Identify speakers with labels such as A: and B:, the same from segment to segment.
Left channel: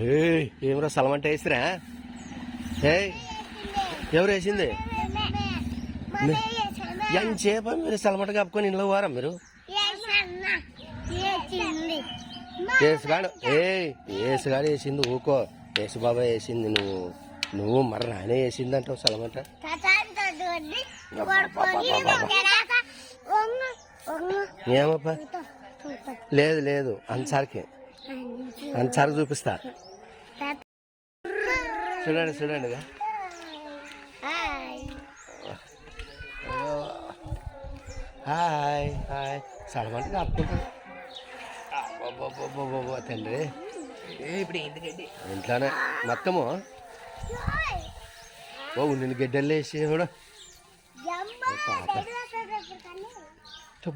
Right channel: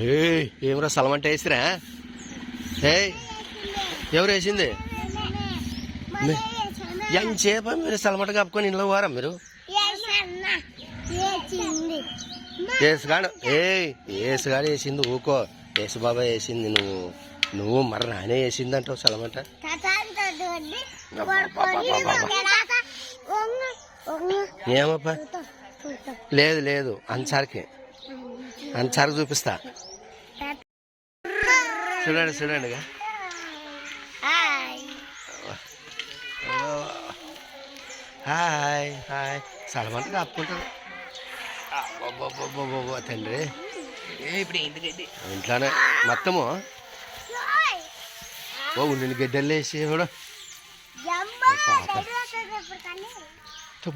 A: ఏయ్ ఏమరా సలమంట వేసిరా? ఏయ్ ఎవరు వేసింది? మీ- చేప మీరు సలమంట కప్పుకొని ఇంట్లో వారా మీరు? ఏసుగాడు ఏయ్ ఏసుగాడు వేసింది ఊకో. ఏసు వేసింది నువ్వు. నువ్వు మరి నానే వేసింది అంటావు సలమంట ఏమప్పా? లేదు లేదు అన్సార్కి. అన్సార్కి చూపిస్తా. చూడండి చూడండి ఇక. హాయ్ హాయ్ సలమంట కప్పుకుంటాడు అబ్బబ్బబ్బబ్బబ్బ, తండ్రి
B: ఇప్పుడు ఎందుకండి
A: ఇంట్లోనే మొత్తము ఓ ఉండిన గడ్డలు వేసి కూడా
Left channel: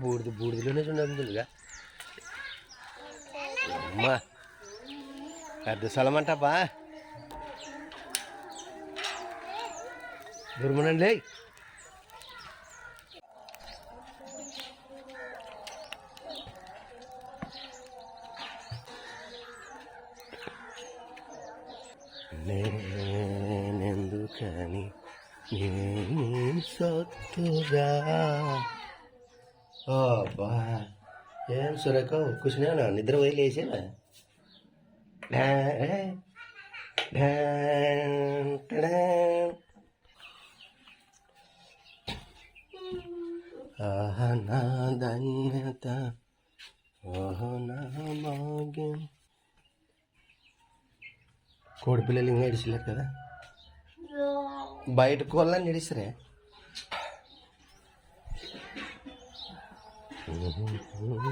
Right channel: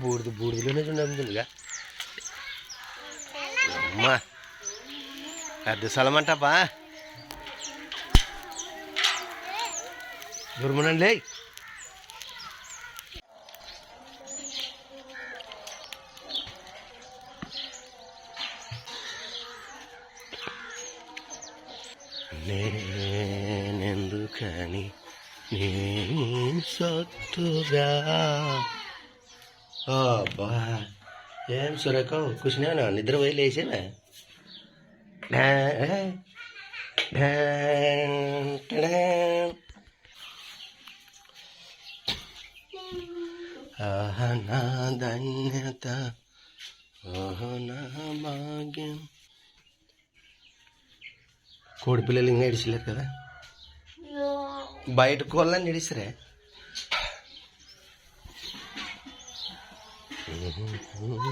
A: బూడిద బూడిదలోనే చూడండిగా అమ్మా పెద్ద స్థలం అంటప్పా దుర్మనండి. నేనెందుకని నేను సత్తుగా? అబ్బా ఏం సురేఖ కూర్చున్నా నిద్ర పోయి లేచానా ఆహా నా ధన్యత ఆహా నా భాగ్యం కోడి పిల్లలు ఇంకా ఇడిచలేరు కదా బయట కోళ్ళని ఇడిసరే మూడు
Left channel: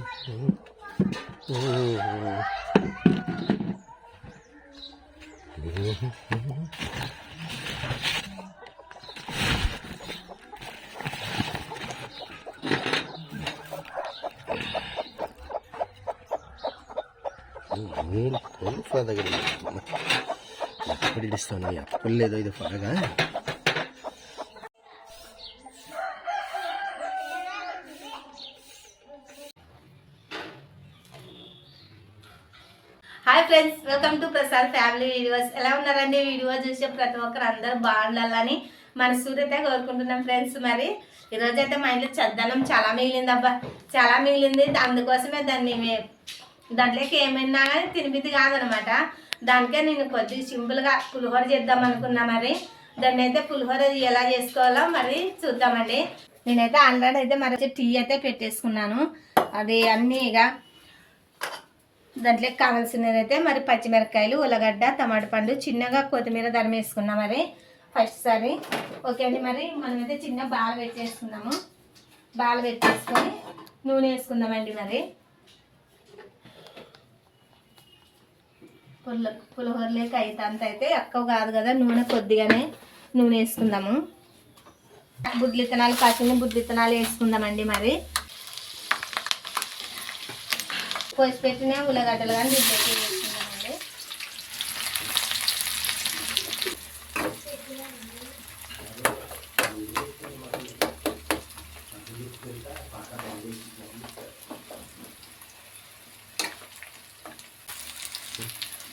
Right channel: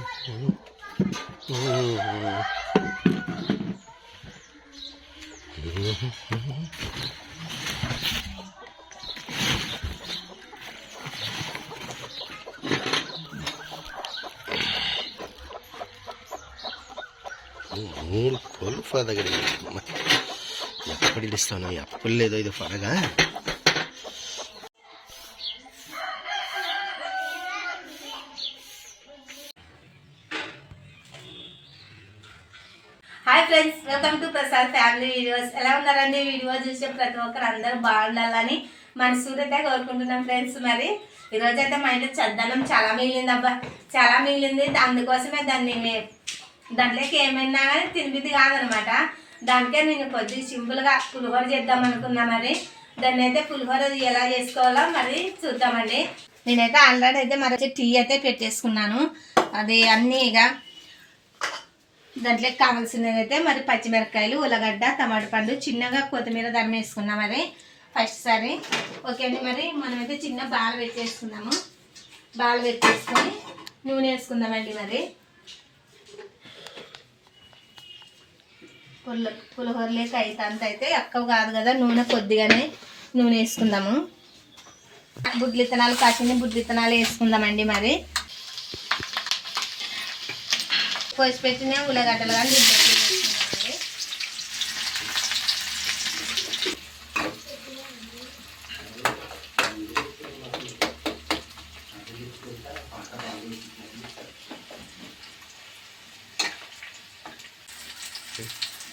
A: కోళ్ళు దగ్గర ఎప్పుడు ఇస్తాను ఎప్పుడు లేదో ఇది ఫరగా
C: hi friends welcome to Prasad family videos ఎలా ఉన్నారండి? వీడియో చూసే ప్రతి ఒక్కరు అందరూ బాగుండాలని మనస్ఫూర్తిగా కోరుకుంటున్నాం ఫ్రెండ్స్ మరి. ఈరోజు అయితే మా ఇంట్లో చద్దనం చాలా మిగిలింది అబ్బా చాలా మిగిలింది. అందుకోసమే దాన్ని మేము దాంట్లోకి ఏమైనా కానీ తినిపిది కాదనమాట. దానికే నేను కొద్దిగా సింపుల్గా పులిహోర చేద్దాం అనుకున్నా మరి. దాన్ని అయితే పులిహోర ఎలా చేసుకోవాలో మరి చూద్దామండి. నేనైతే ఆల్రెడీ అయితే మరి టీ అయితే పెట్టేసుకున్నాను. అది అన్నీ ఇక దాంట్లోకి కావాల్సినది అయితే మరి పచ్చిమిరపకాయలు ఉల్లగడ్డ టమాటా పండు చిన్నగా కొత్తిమీర ధరం వేసుకున్నాం మరి. ఫస్ట్ సారి. ఓకే అండి మరి మనమైతే చిన్న బాల్ పెట్టేసుకున్నాము బాల్ పెట్టేసుకొని నూనె వేసుకుందామండి మరి. పుల్ల పులిహోరలేక అయితే అంత అయితే ఎక్కువ కాదు కదా నూనె కొద్దిగానే నూనె వేసుకుందాము. బుడ్లు ఇత్తనాలు కాసిన బుడ్లు ఇత్తనాలు వేసుకుందామండి మరి. కోసి పెట్టిన ఉల్లగడ్డలు కానీ దీంట్లో వేసుకుందామండి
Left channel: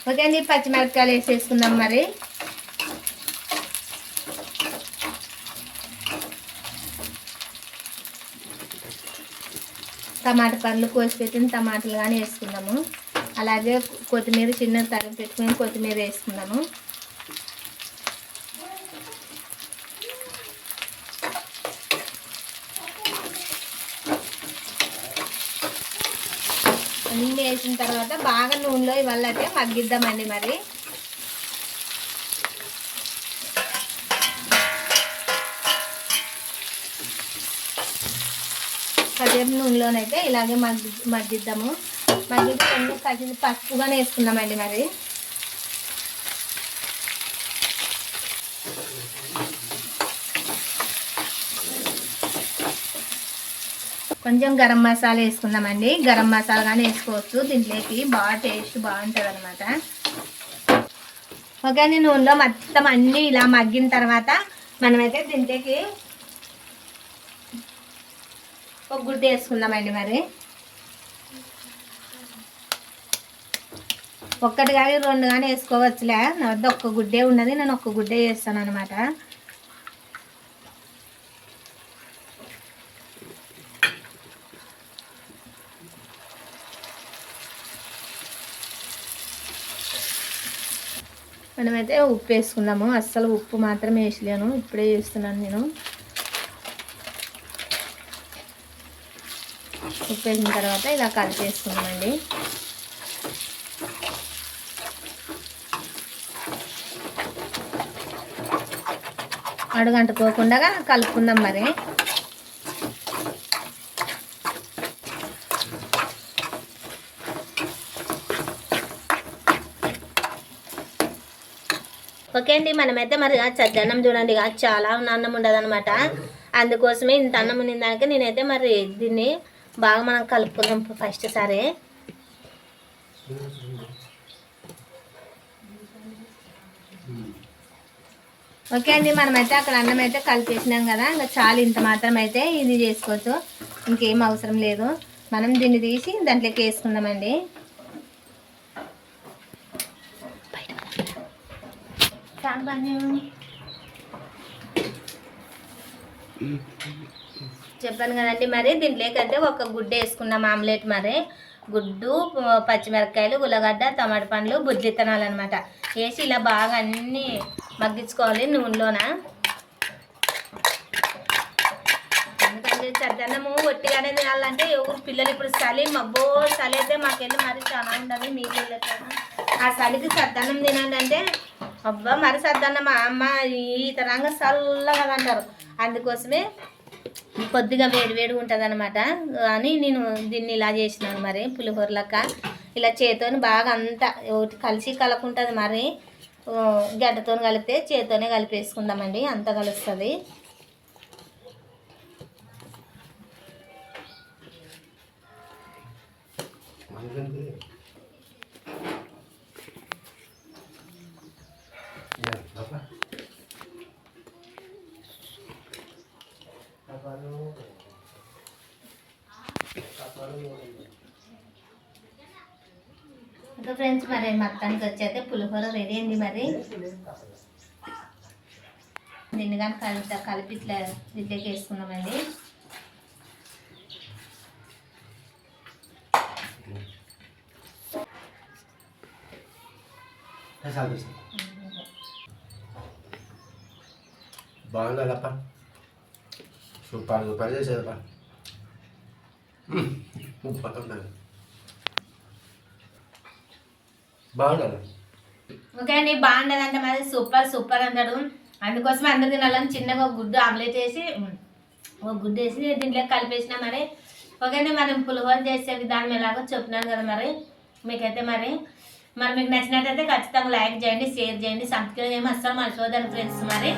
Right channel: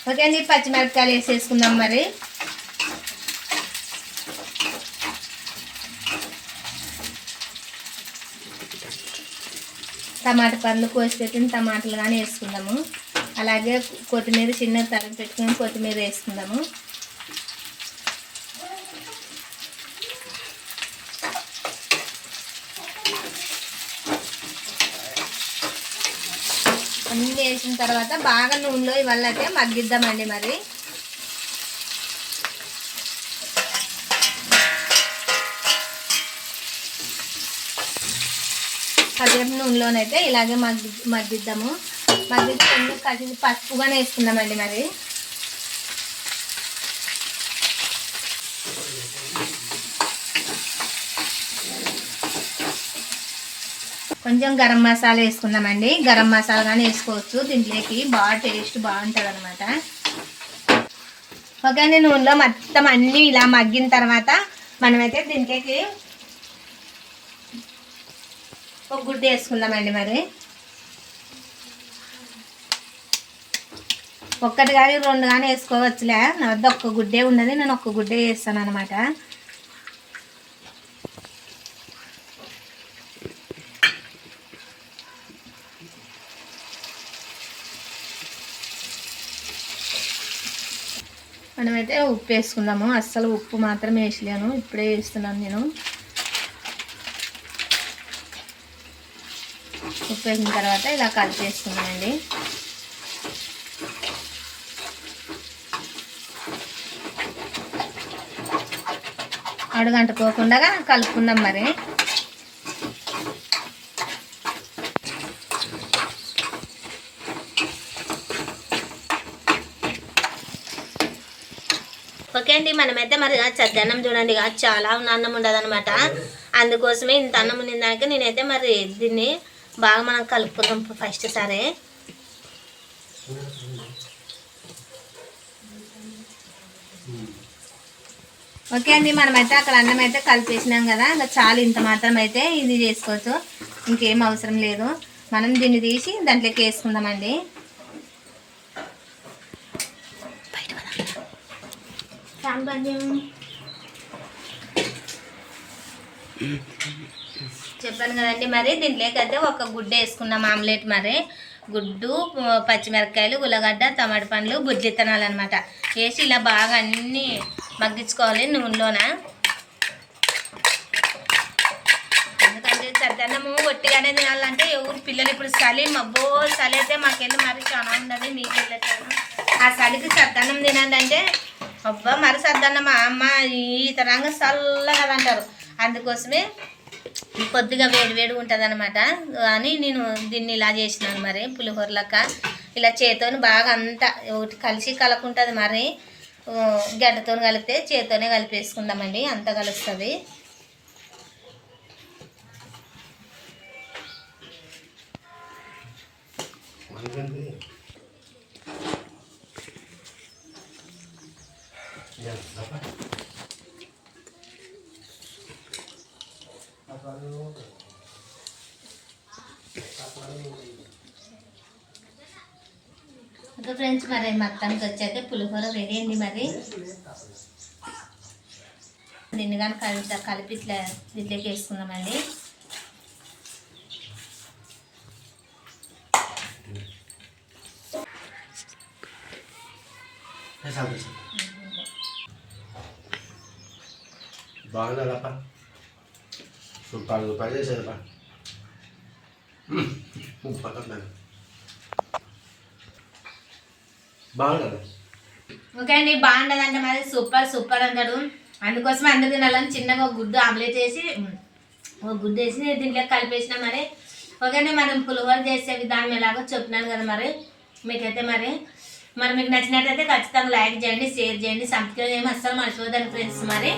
C: ఓకే అండి పచ్చిమిరపకాయలు వేసేసుకుందాం మరి టమాటా పండ్లు కోసి పెట్టిన టమాటాలు కానీ వేసుకుందాము అలాగే కొత్తిమీర చిన్న తరిగి పెట్టుకుని కొత్తిమీర వేసుకుందాము అన్నీ వేసిన తర్వాత బాగా నూనెలో ఇవాళ అయితే మగ్గిద్దామండి మరి. పదిహేను నూనెలోనైతే ఇలాగే మగ్గి మగ్గిద్దాము. మగ్గిద్దాం కసి పసుపుగానే వేసుకుందామండి మరి. కొంచెం గరం మసాలా వేసుకుందామండి. గరం మసాలా కానీ వేసుకోవచ్చు. దీంట్లోకి బాగా టేస్ట్ బాగుంటుంది అనమాట ఓకే అండి నూనెలో మొత్తం అన్నీ ఇలా మగ్గిన తర్వాత మనమైతే దీంట్లోకి ఒక గుడ్డ వేసుకుందామండి మరి. ఒక్కటి కానీ రెండు కానీ వేసుకోవచ్చులే. నా వద్ద ఒక్క గుడ్డే ఉన్నది నేను ఒక్క గుడ్డే వేస్తాను అనమాట మనమైతే ఉప్పు వేసుకున్నాము అస్సలు ఉప్పు మాత్రం వేసలేను ఇప్పుడే వేస్తున్నాను నేను. ఉప్పు వేసిన తర్వాత ఇలా కలిపి వేసుకుందామండి అడుగంటుకోకుండా కలుపుకుందాం మరి. ఓకే అండి మనమైతే మరి చద్దన్నం చూడండి చాలా చాలా అన్నం ఉండదు అనమాట అందుకోసమే ఇంత అన్నం ఉన్న దానికి నేనైతే మరి దీన్ని బాగా మనం కలుపుకుందాం ఫస్ట్ సరే. ఓకే అండి మనమైతే అక్కడ అన్నం అయితే కలిపేసినాం కదా ఇంకా చాలు ఇంత మాత్రం అయితే ఇది చేసుకోవచ్చు. ఇంకేం అవసరం లేదు. మనం దీన్ని తీసి దాంట్లోకి వేసుకుందామండి. చెప్పాను కదండి మరి దీంట్లోకి అయితే ఒక గుడ్డ వేసుకున్నాం ఆమ్లెట్ మరి. గుడ్డు పచ్చిమిరపకాయలు ఉల్లగడ్డ టమాటా పండ్లు బుజ్జిత్తనాలు అనమాట వేసి ఇలా బాగా అన్నీ మగ్గించుకోవాలి నూనెలోన. ఎందుకంటే చద్దన్నము ఒట్టిగానే తినాలంటే ఎవరు పిల్లలు ఇప్పుడు చలి మబ్బో చలి అయితే మాకెళ్ళి మరి చాలా ఉండదు నీళ్ళు పిల్లలు ఆ చలికి సద్దన్నం తినండి అంటే అబ్బా మరిసద్దన్న మా అమ్మ ఈ తరంగా చల్లగా అంటారు అందుకోసమే కొద్దిగా వేడి వేడి ఉంటుంది అనమాట అని నేను దీన్ని ఇలా చేసినాను మరి పులిహోరలక్క. ఇలా చేతోని బాగా అంతా ఒకటి కలిసి కలకుంటుంది మరి. గడ్డతో కలిపితే చేతోనే కలిపేసుకుందామండి అంత కలుస్తుంది.
A: మనకండి
C: ఇంకా ఫ్రెండ్స్ మరి మొత్తానికి వచ్చాక పులిహోర రెడీ అయింది మరి. దీన్ని కానీ కలిపి కలిపి ఇట్లా దీంట్లోకి వేసుకుందామండి.
A: బాగుండాలప్ప సూపర్ సూపర్. చేసేదప్ప
C: ఓకే అండి బాగుండదు అంటే మరి సూపర్ సూపర్ అంటాడు. అందుకోసం అందరు తినాలని చిన్నగా ఒక గుడ్డు ఆమ్లెట్ వేసి ఒక గుడ్డు వేసి దీంట్లో కలిపేసిన మరి. ఓకే అండి మరి పులిహోర చేసే విధానం ఎలాగో చెప్పినాను కదా మరి. మీకైతే మరి మరి మీకు నచ్చినట్టయితే ఖచ్చితంగా లైక్ చేయండి షేర్ చేయండి. సబ్స్క్రైబ్ చేయమని అస్సలు మర్చిపోదండి ఫ్రెండ్స్ మరి.